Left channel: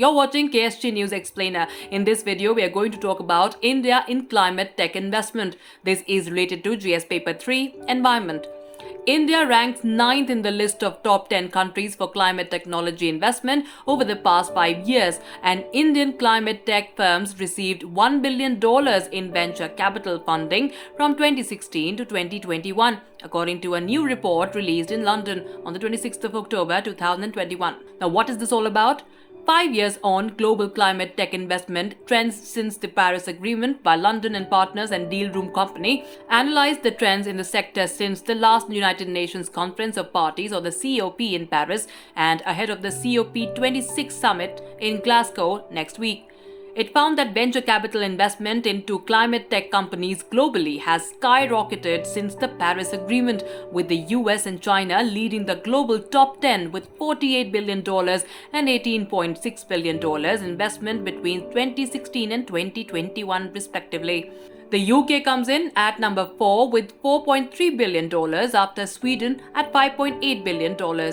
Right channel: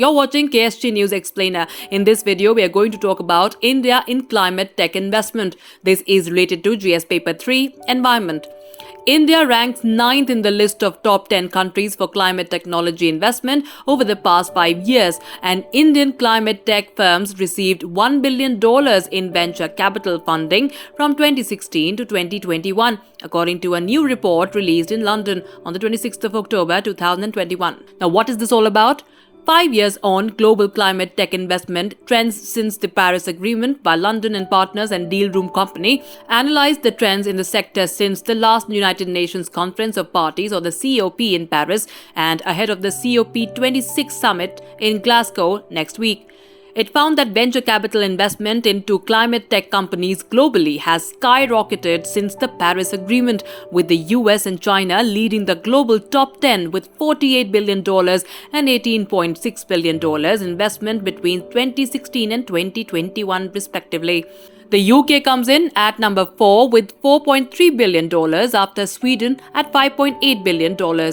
You're watching KSG News Explainer. In this video, we are going to talk about India in climate tech investment. This is related to GS Paper 3, Environment. India ranks 9th in the list of top 10 countries for climate technology investment over the past 5 years, and Indian climate tech firms received $1 billion in venture capital funding from 2016 to 2021, according to a new report released in London on the 26th of October 2021. Now, what is this all about? 5 years on, global climate tech investment trends since the Paris Agreement by London and Partners and Deal Room Company analyzed the trends in the sector since the last United Nations Conference of Parties or the COP in Paris and ahead of the COP26 summit in Glasgow next week. It found that venture capital investment into climate tech companies globally has skyrocketed since the Paris Agreement, with the US and China leading the global top 10 with $48 billion and $18.6 billion investment between 2016 and 2021 respectively. The UK comes in at number 4 with $4.3 billion after Sweden at $5.8 billion.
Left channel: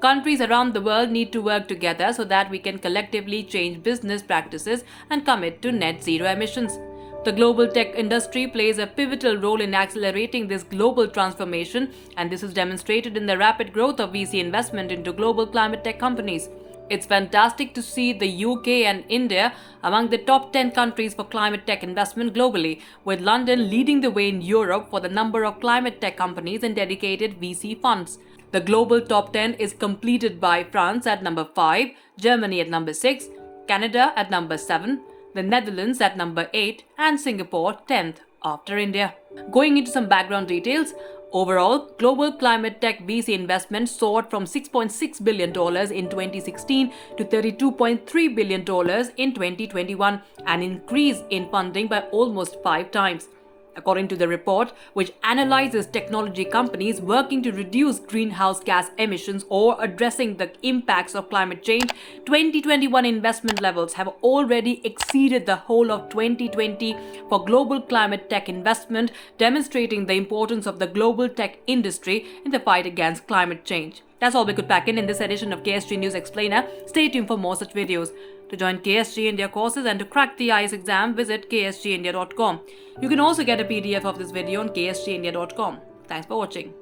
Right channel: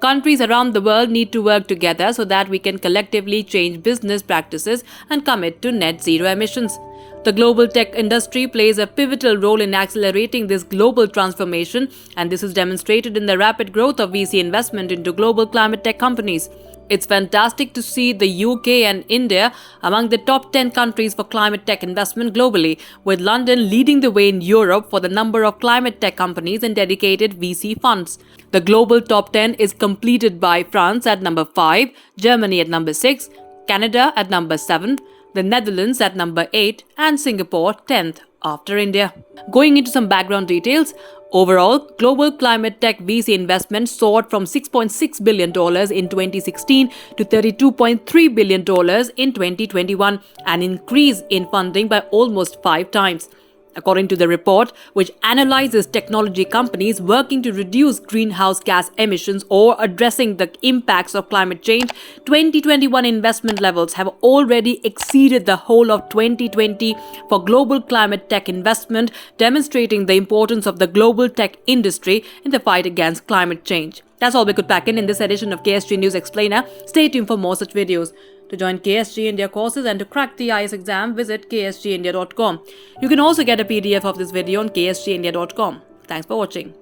Countries around the world need to work together so that we can collectively change business practices and commit to net zero emissions. The global tech industry plays a pivotal role in accelerating this global transformation, and this is demonstrated in the rapid growth of VC investment into global climate tech companies. It's fantastic to see the UK and India among the top 10 countries for climate tech investment globally, with London leading the way in Europe for the number of climate tech companies and dedicated VC funds. The global top 10 is completed by France at number 5, Germany at number 6, Canada at number 7, the Netherlands at number 8, and Singapore 10th after India. Going into some background details, overall, global climate tech VC investment soared from $6.6 billion in 2016 to $32.3 billion in 2021, an increase in funding by almost 5 times. According to the report, which analyzes technology companies working to reduce greenhouse gas emissions or addressing the impacts of climate change, 2021 investment levels have already exceeded the whole of 2020 for global climate tech investment, demonstrating the importance of the global tech industry in the fight against climate change. That's all we could pack in this edition of KSG News Explainer. Stay tuned for more such videos. To join KSG India courses and to crack the IAS exam, visit ksgindia.com. You can also get a PDF of this video on ksgindia.com. Thanks for watching.